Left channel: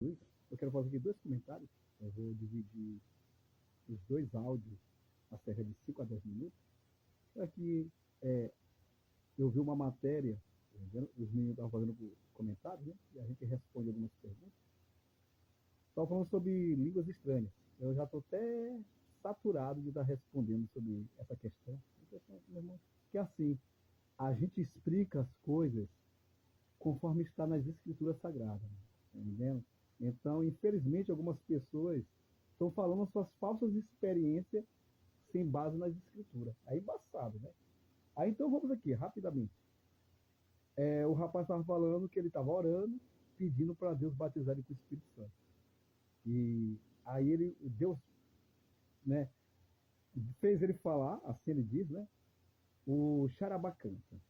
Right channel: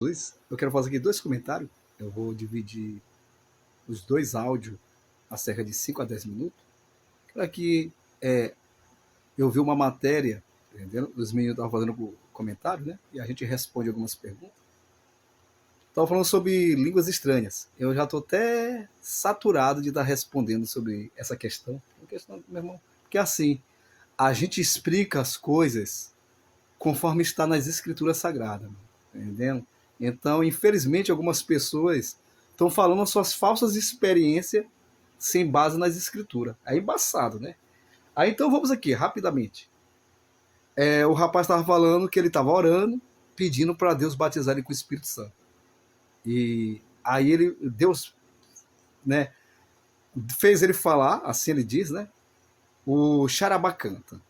Eu quero fazer aqui dois comentários. Eu vou dividir os dois áudios a cerca de 5 a 10 minutos. Aqui eu vi uma matéria, entendeu? Os meninos estavam fazendo comentário, né? E a gente responde algumas perguntas. Estavam falando sobre línguas estranhas. Eu já estou até saturado de estar respondendo sobre essa questão. Meu irmão, porque assim, a gente explica as coisas conforme está nas escrituras sagradas, entendendo? Então, infelizmente, algumas pessoas estão falando as suas falsas experiências sem base nas escrituras. É embaçado, né? Aí então vamos aqui, rapidamente. O rapaz estava falando que ele estava orando, pedindo para Deus batizar ele com o Espírito Santo. E aí Deus, né, fez ele falar, assim ele diz, né? O Charabacanta.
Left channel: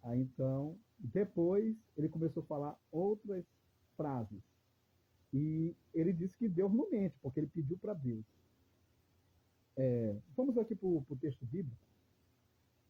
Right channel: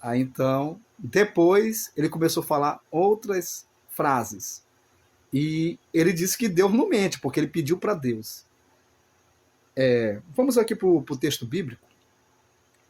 Aí então, depois ele começou a falar outras frases. E ele disse que Deus não mente, porque ele pediu para Deus. Vamos aqui para o texto bíblico.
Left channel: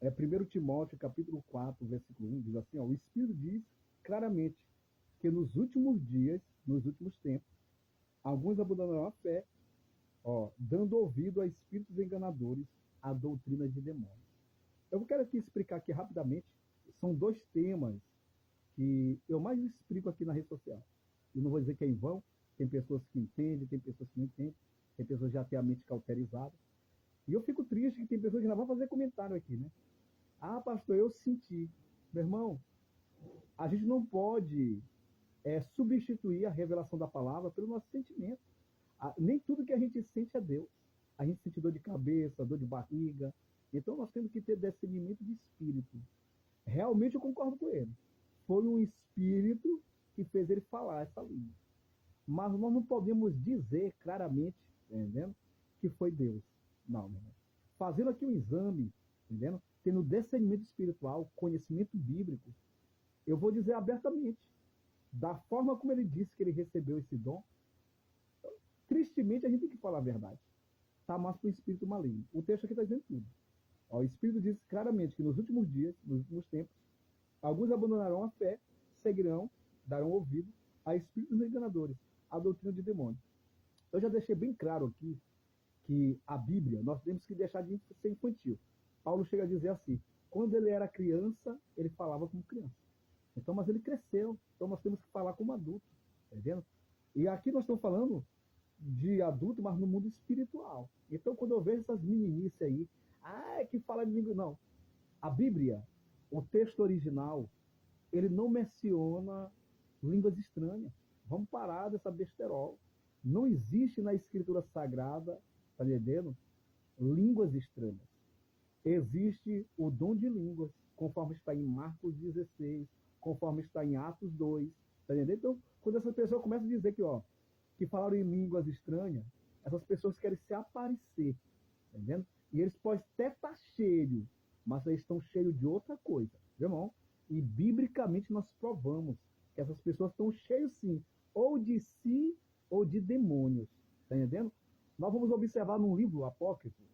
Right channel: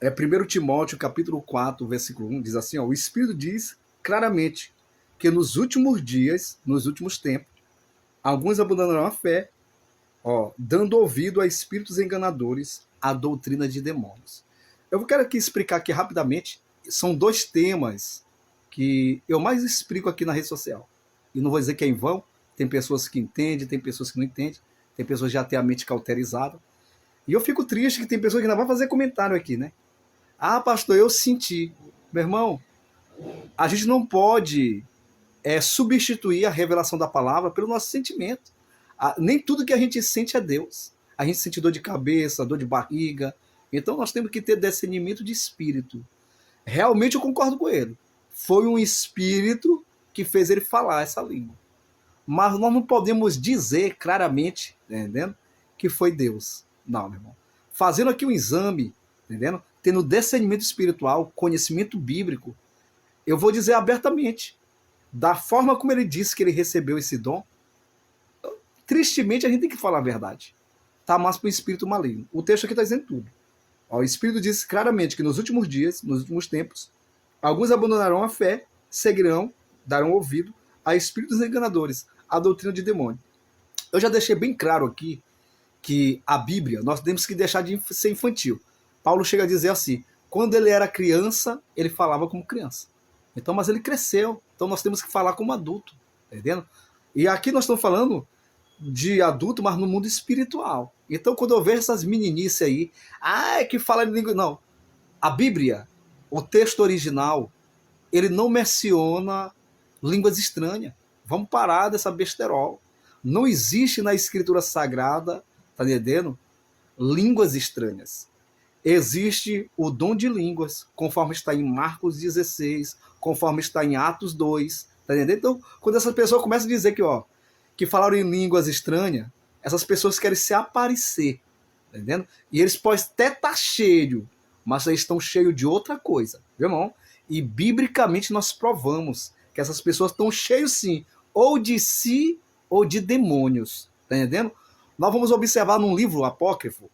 1 Timóteo capítulo 4, versículo 1, diz assim, ó, o Espírito diz claramente que nos últimos dias, nos últimos tempos, alguns abandonarão a fé, ó, dando ouvido a espíritos enganadores, a doutrina de demônios. Eu quero aqui explicar aqui rapidamente, são dois temas que eu mais explico aqui na rede social. E não vou dizer que é em vão, tem pessoas que entendem, tem pessoas que não entendem, tem pessoas que já têm a mente cauterizada. E eu fico triste que tem pessoas que ainda vão fazer comentário aqui, né? Ah, pastor, eu senti. Meu irmão, a gente não pode substituir a revelação da palavra pelo nosso sentimento. Nem tudo que a gente sente é Deus. A gente sente dor de cabeça, dor de barriga. Então nós temos que ter discernimento de espírito. Realmente eu concordo com ele. Foi um espírito que fez ele falar essa língua. Mas nós não podemos dizer claramente, entendendo, que foi Deus. Não, meu irmão. Fazendo aqui um exame, entendendo? Tendo discernimento espiritual, conhecimento bíblico, eu vou dizer abertamente, da forma como ele disse que ele recebeu esse dom, tristemente a gente tem que falar a verdade. Tá mais para o espírito maligno. O texto aqui está dizendo tudo. Ó, o Espírito diz claramente que nos últimos dias, nos últimos tempos, alguns abandonarão a fé, seguirão, darão ouvido a espíritos enganadores, a doutrina de demônio. Eu já deixei bem claro aqui que a Bíblia, nós temos que deixar de ser infantil. Paulo chega a dizer assim, quando ele era criança, ele falava como criança. Então, mas ele cresceu, então nós temos que falar como adulto, entendendo? E aqui nós estamos falando de adulto, mas no mundo espiritual. Então, quando eu vejo essas meninices aí, é que fala em língua... Não, a Bíblia, o texto original, ele não menciona línguas estranhas. Vamos parar dessa besterol. Não existe na escritura sagrada, tá entendendo? Línguas estranhas. Existe o dom de línguas, conforme está em Marcos 16, conforme está em Atos 2, tá entendendo? Então, quando essa pessoa começa a dizer que falaram em línguas estranhas, essas pessoas querem se aparecer, tá entendendo? E eles podem até estar cheios, mas eles estão cheios de outra coisa, viu, irmão? E biblicamente nós provamos que essas pessoas estão cheios sim, ou de si ou de demônios, tá entendendo? Nós vamos observar num livro apócrifo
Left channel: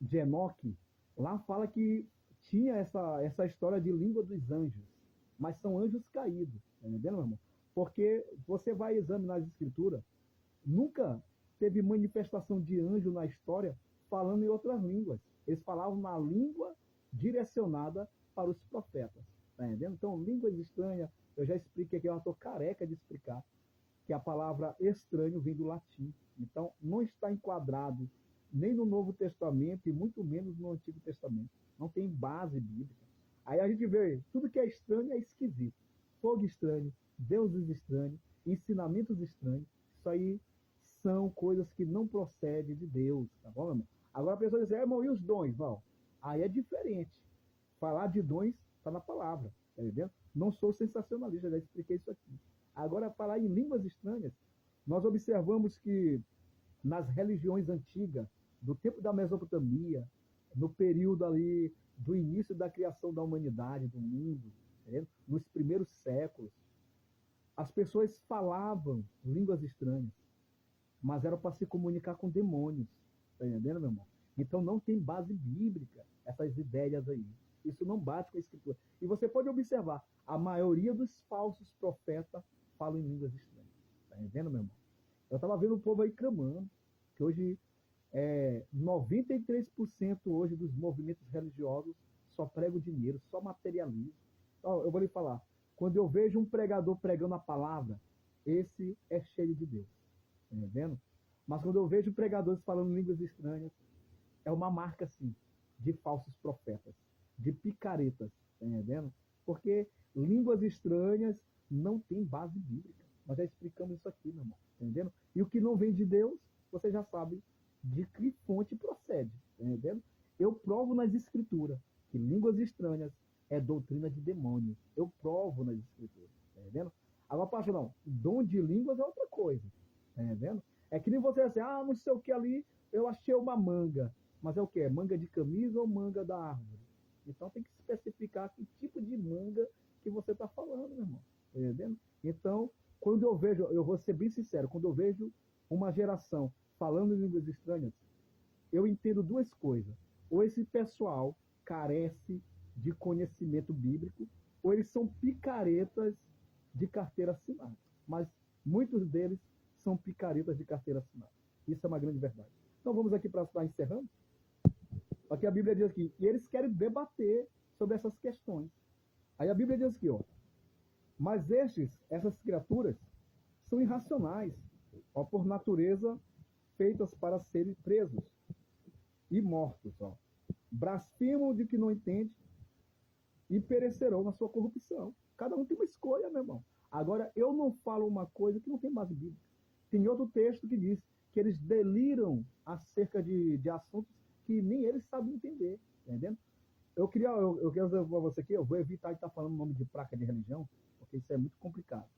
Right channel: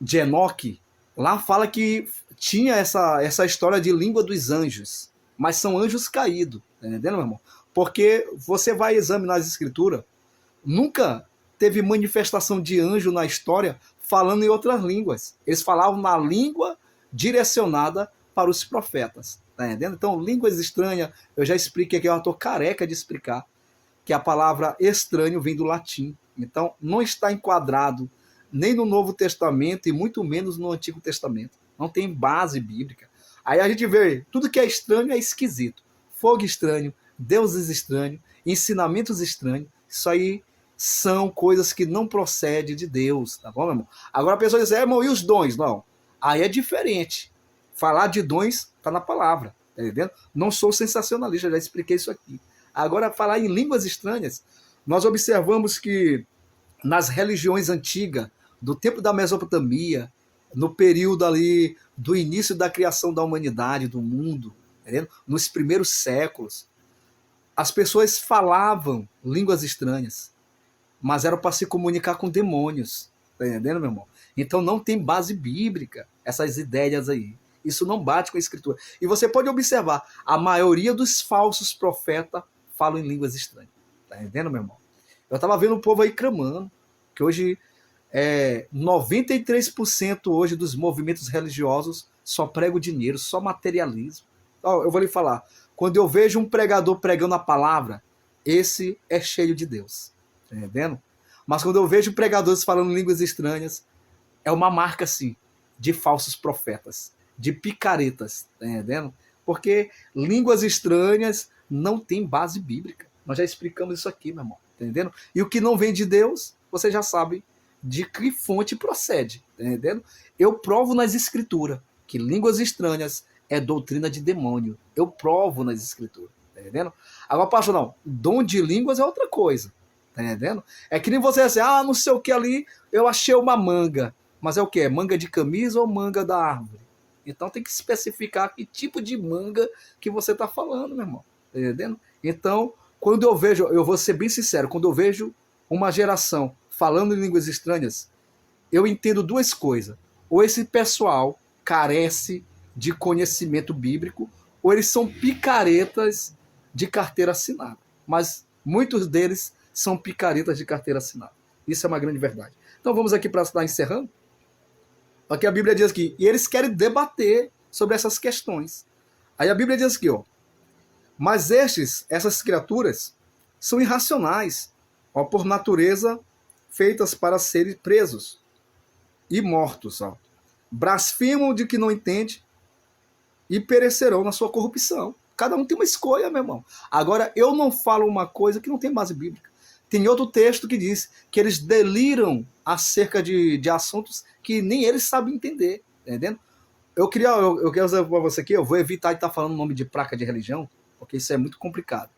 de Enoque, lá fala que tinha essa história de língua dos anjos, mas são anjos caídos, tá entendendo, meu irmão? Porque você vai examinar as escrituras, nunca teve manifestação de anjo na história falando em outras línguas. Eles falavam na língua direcionada para os profetas, tá entendendo? Então, línguas estranhas, eu já expliquei aqui, eu estou careca de explicar, que a palavra estranho vem do latim. Então, não está enquadrado nem no Novo Testamento e muito menos no Antigo Testamento. Não tem base bíblica. Aí a gente vê, tudo que é estranho é esquisito. Fogo estranho, deuses estranhos, ensinamentos estranhos. Isso aí são coisas que não procedem de Deus, tá bom, meu irmão? Agora a pessoa diz, irmão, e os dons? Não. Aí é diferente. Falar de dons está na palavra, tá entendendo? Não sou sensacionalista, já expliquei isso aqui. Agora, falar em línguas estranhas, nós observamos que nas religiões antigas, do tempo da Mesopotâmia, no período ali do início da criação da humanidade, do mundo, entendeu? Nos primeiros séculos, as pessoas falavam línguas estranhas, mas era para se comunicar com demônios, tá entendendo, meu irmão? Então não tem base bíblica essas ideias aí. Isso não bate com a escritura. E você pode observar, a maioria dos falsos profetas falam em línguas estranhas. Tá entendendo, meu irmão? Eu tava vendo o povo aí clamando, que hoje 93% hoje dos movimentos religiosos só pregam dinheiro, só materialismo. Ó, eu vou lhe falar, quando eu vejo um pregador pregando a palavra, esse é cheio de Deus. Tá entendendo? Mas quando eu vejo pregadores falando línguas estranhas, é uma marca, assim, de falsos profetas, de picaretas, tá entendendo? Porque línguas estranhas não tem base bíblica. Nós já explicamos isso aqui, meu irmão, tá entendendo? E o que não vem de Deus, você já sabe de que fonte procede, tá entendendo? Eu provo nas escrituras que línguas estranhas é doutrina de demônio. Eu provo nas escrituras, tá entendendo? Agora, pastor, não, dom de línguas é outra coisa, tá entendendo? É que nem você assim, não sei o que ali, eu achei uma manga. Mas é o que? É manga de camisa ou manga da árvore? Então tem que especificar que tipo de manga que você está falando, meu irmão. Tá entendendo? Então, quando eu vejo, eu vou ser bem sincero, quando eu vejo uma geração falando em línguas estranhas, eu entendo duas coisas. Ou esse pessoal carece de conhecimento bíblico, ou eles são picaretas de carteira assinada. Mas muitos deles são picaretas de carteira assinada. Isso é uma grande verdade. Então vamos aqui para estar encerrando. Aqui a Bíblia diz aqui, e eles querem debater sobre essas questões. Aí a Bíblia diz aqui, ó, mas essas criaturas, são irracionais, ó, por natureza, feitas para serem presos e mortos, ó. Blasfemam de que não entende e perecerão na sua corrupção. Cada um tem uma escolha, meu irmão. Agora, eu não falo uma coisa que não tem base bíblica. Tem outro texto que diz que eles deliram acerca de assuntos que nem eles sabem entender, entendendo? Eu quero dizer para você aqui, eu vou evitar de estar falando o nome de placa de religião, porque isso é muito complicado.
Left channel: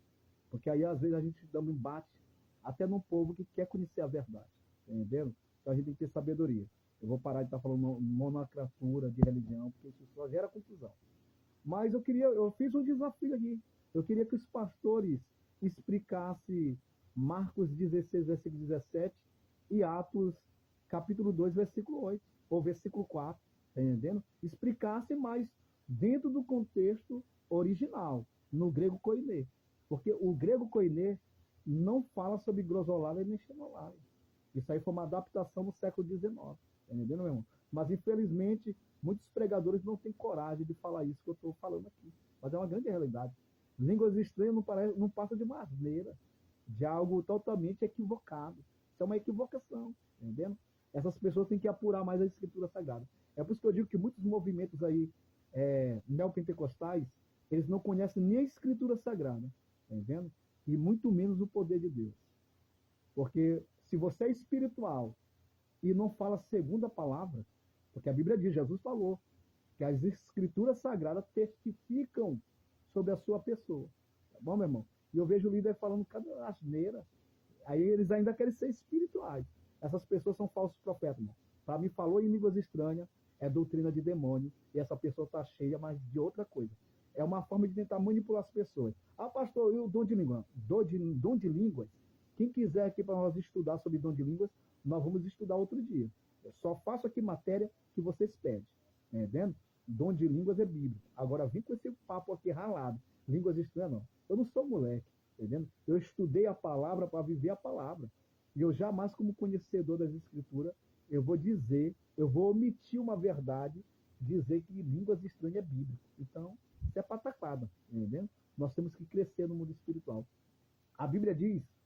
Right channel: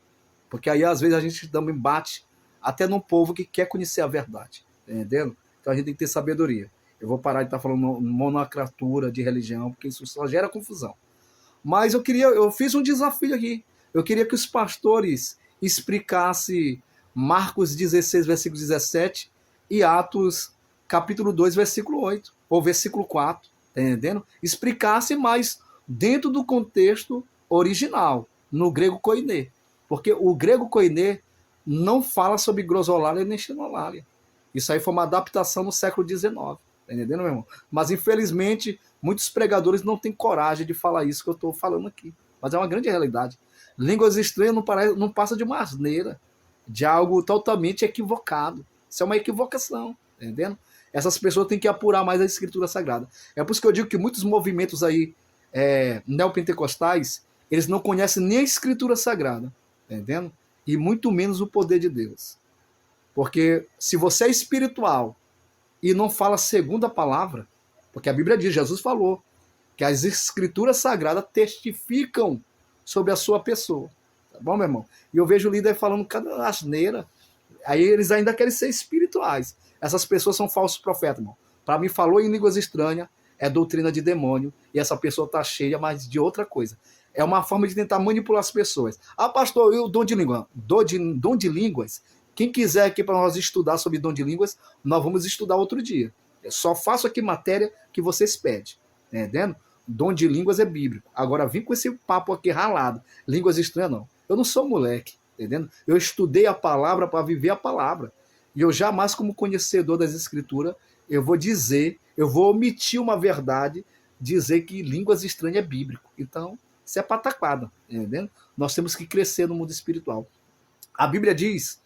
Porque aí, às vezes, a gente dá um embate até num povo que quer conhecer a verdade, entendendo? Então a gente tem que ter sabedoria. Eu vou parar de estar falando monocratura de religião, porque isso só gera confusão. Mas eu fiz um desafio aqui. Eu queria que os pastores explicassem Marcos 16, versículo 17 e Atos capítulo 2, versículo 8, ou versículo 4, tá entendendo? Explicasse mais dentro do contexto original, no grego koiné. Porque o grego koiné não fala sobre grosolalia nem xenolalia. Isso aí foi uma adaptação no século XIX, tá entendendo, meu irmão? Mas, infelizmente, muitos pregadores não têm coragem de falar isso que eu estou falando aqui. Mas é uma grande realidade. Línguas estranhas não passa de uma asneira, de algo totalmente equivocado. Isso é uma equivocação, tá entendendo? Essas pessoas têm que apurar mais a Escritura Sagrada. É por isso que eu digo que muitos movimentos aí neopentecostais, eles não conhecem nem a Escritura Sagrada, tá entendendo? E muito menos o poder de Deus. Porque se você é espiritual e não fala segundo a palavra, porque a Bíblia diz, Jesus falou, que as Escrituras Sagradas testificam sobre a sua pessoa. Tá bom, meu irmão? E eu vejo o líder falando cada asneira, aí eles ainda querem ser espirituais. Essas pessoas são falsos profetas, irmão. Para mim, falou em línguas estranhas, é doutrina de demônio, e essa pessoa está cheia, mas de outra coisa. É uma forma de tentar manipular as pessoas. Pastor, e o dom de língua? Dom de línguas? Quem quiser aqui para nós estudar sobre dom de línguas, nós vamos estudar outro dia. Eu só faço aqui matéria que vocês pedem. Entendendo? Dom de línguas é bíblico. Agora, vim com esse papo aqui ralado. Línguas estranhas, não. Eu não sou moleque. Entendendo? Eu estudei a palavra para viver a palavra. E eu jamais, como conhecedor das escrituras, eu vou omitir uma verdade, dizer que línguas estranhas é bíblico. Então, isso é pataquada. Entendendo? Nós temos que crescer no mundo espiritual. A Bíblia diz,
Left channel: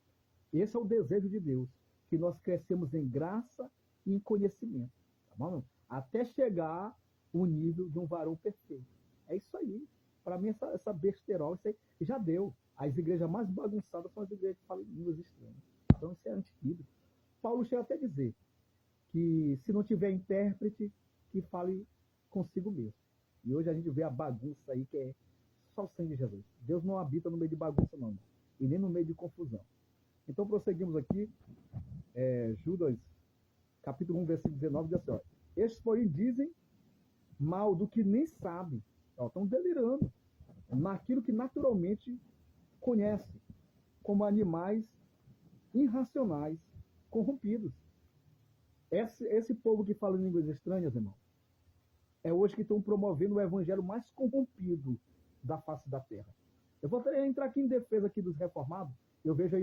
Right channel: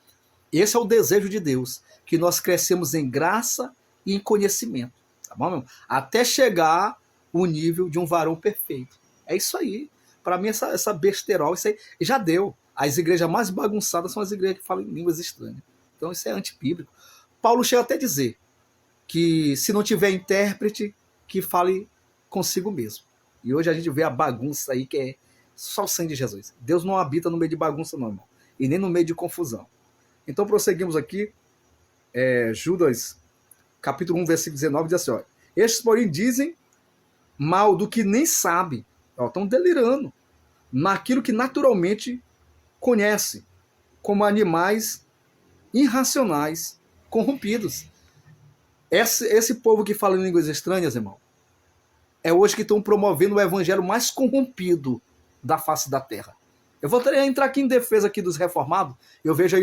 esse é o desejo de Deus, que nós crescemos em graça e em conhecimento. Tá bom, meu? Até chegar o nível de um varão perfeito. É isso aí. Para mim, essa besterol, isso aí já deu. As igrejas mais bagunçadas são as igrejas que falam em línguas estranhas. Então, isso é antibíblico. Paulo chega até a dizer que se não tiver intérprete, que fale consigo mesmo. E hoje a gente vê a bagunça aí, que é só o sangue de Jesus. Deus não habita no meio de bagunça, não, irmão. E nem no meio de confusão. Então, prosseguimos aqui. Judas, capítulo 1, versículo 19, diz assim, ó, estes, porém, dizem mal do que nem sabe. Estão delirando naquilo que naturalmente conhece, como animais irracionais, corrompidos. Esse povo que fala em línguas estranhas, irmão, é hoje que estão promovendo o evangelho mais corrompido da face da terra. Eu vou entrar aqui em defesa aqui dos reformados. Eu vejo aí